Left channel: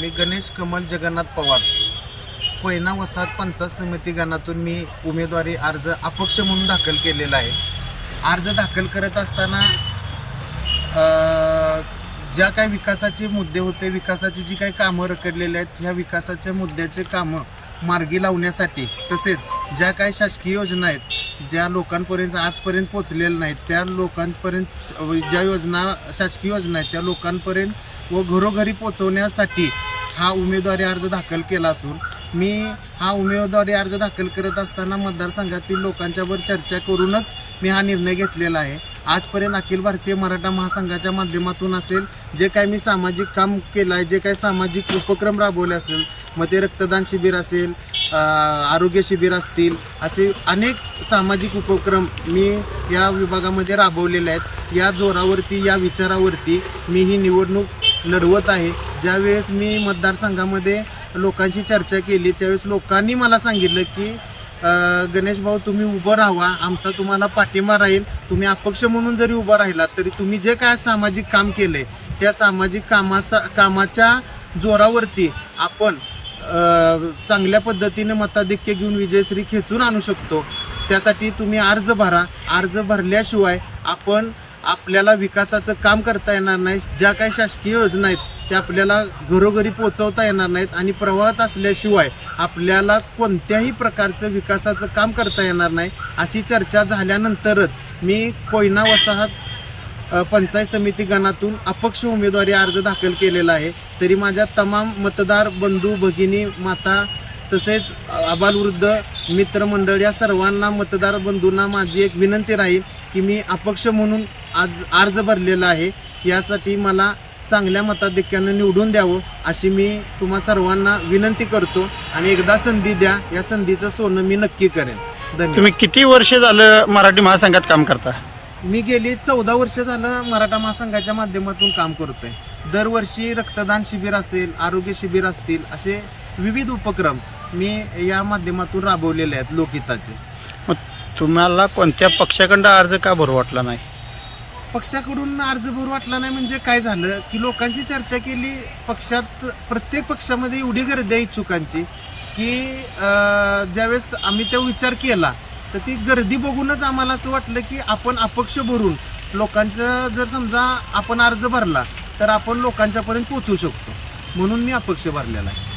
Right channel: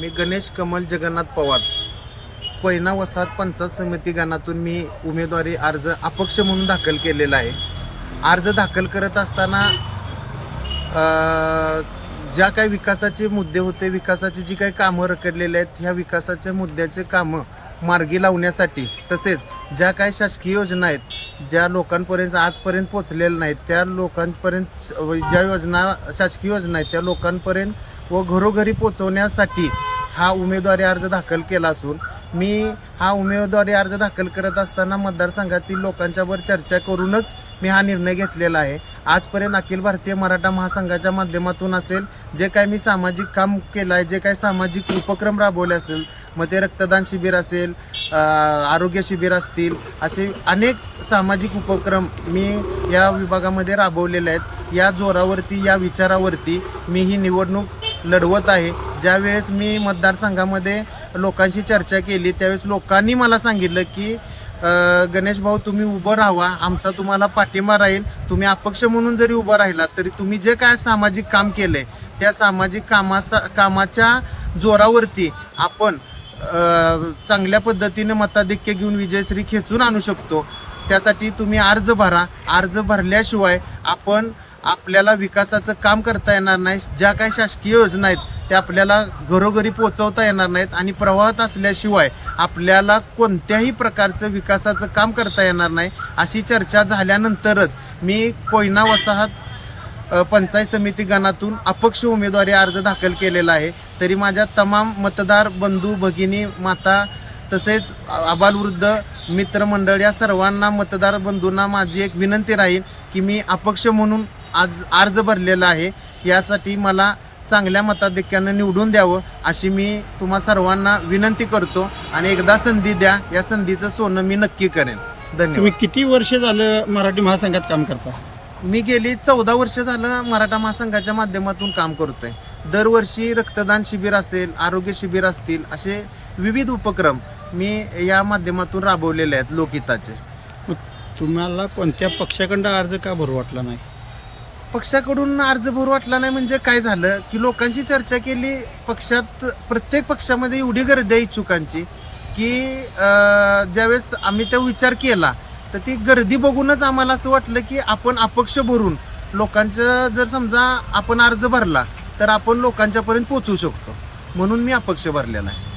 मी गणेश कमल जगन्नाथ पवार कोयना वसाहत पंचायत समिती गणातून मी उमेदवारी अर्ज अपक्ष म्हणून दाखल केलेला आहे। अर्ज दाखल करत असताना ज्या काही विकासाचे मुद्दे होते, विकासाची जी काही कामं रखडलेली आहेत, ह्या विकासाच्या मुद्द्याचे कामं मार्गी लावण्यासाठी, तसेच ज्या काही शासकीय योजना आहेत ज्या लोकांपर्यंत आजपर्यंत पोचलेल्या नाहीत, त्या लोकांपर्यंत ज्या योजना शासकीय योजना आहेत त्या लोकांपर्यंत व घरोघरी पोचवण्यासाठी हा उमेदवारी अर्ज दाखल केला असून मी हा उमेदवारी अर्ज दाखल करत असताना मतदारसंघातील लोकांच्यावर चर्चा करूनच मी हा निर्णय घेतलेला आहे। आजपर्यंत अखिल भारतीय मराठा महासंघाच्या माध्यमातून असेल, जे काही मी सामाजिक काम केलं आहे, जे काही सामाजिक उपक्रम राबवले असेल, मग ते रक्तदान शिबिर असेल, आरोग्य शिबिर असतील, असे अनेक सामाजिक उपक्रम मी या विभागामध्ये राबवलेले आहेत। या जोरावरती, या विचारावरती मी ही निवडणूक लढवत आहे। ज्यावेळेस मी मतदारसंघामध्ये लोकांशी चर्चा केली त्यावेळेस लोकांनी मला सांगितलं की गणेश भाऊ, तुम्ही उभं राहा, आमचा तुम्हाला पाठिंबा राहील। तुम्ही अपक्ष म्हणून जरी उभं राहिलात तरी तुम्ही जे काय सामाजिक काम केले त्या सामाजिक कामाच्या जोरावरती आपण चांगल्या पद्धतीने मताधिक्य घेऊन विजयश्री खेचून आणू शकतो। त्यासाठी तुम्ही अर्ज भरा। अर्ज भरल्याशिवाय आपल्याला विकासाचं काम करता येणार नाही। ज्या काही शासकीय योजना आहेत त्या आपल्याला घरोघरी पोहोचवता येणार नाहीत आणि प्रवाहात असल्याशिवाय आपल्याला कोणत्याही प्रकारचं विकासाचं काम करता येणार नाही। अशी चर्चा झाल्यानंतरच मी कोयना वसाहत पंचायत समिती गणातून अपक्ष उमेदवारी अर्ज दाखल केलेला आहे। तरी माझ्या तमाम मतदार बंधू भगिनी माता तसेच आबालवृद्ध मित्रमंडळ या सर्वांना मतदार बंधूंना माझी एक विनंती राहील की मी अपक्ष म्हणून आज अर्ज भरलेला आहे। यासाठी मला चांगल्या मताधिक्याने निवडून द्यावं अशी मी तुम्हा सर्वांना विनंती करतो आणि एकदा संधी द्या, या संधीचं सोनं मी नक्की करेन। धन्यवाद। तुम्ही किती वर्ष झालं मराठी महासंघात काम करता? मी गेली 14 वर्ष झालं मराठा महासंघाच्या माध्यमातून काम करतोय। दरवर्षी रक्तदान शिबिर असेल, आरोग्य शिबिर असतील, असे विविध उपक्रम मी या माध्यमातून राबवलेले आहेत लोकहिताचे। मग तुम्हाला कोणत्या पक्षाकडं अर्ज का भरू वाटला नाही? पक्षाकडून अर्ज भरू वाटला नाही म्हणजे काय झालं की लोकांशी चर्चा केली। पक्षात प्रत्येक पक्षामध्ये एवढी गर्दी आहे इच्छुकांची की ज्यावेळेस आम्ही तो विचार केला तर ती गर्दी बघूनच आम्हाला असं वाटलं की आपण अपक्ष भरून लोकांचं जर समजा आपण अर्ज भरला तर आपण लोकांच्यापर्यंत पोहोचू शकतो, म्हणून मी अपक्ष भरलेला आहे।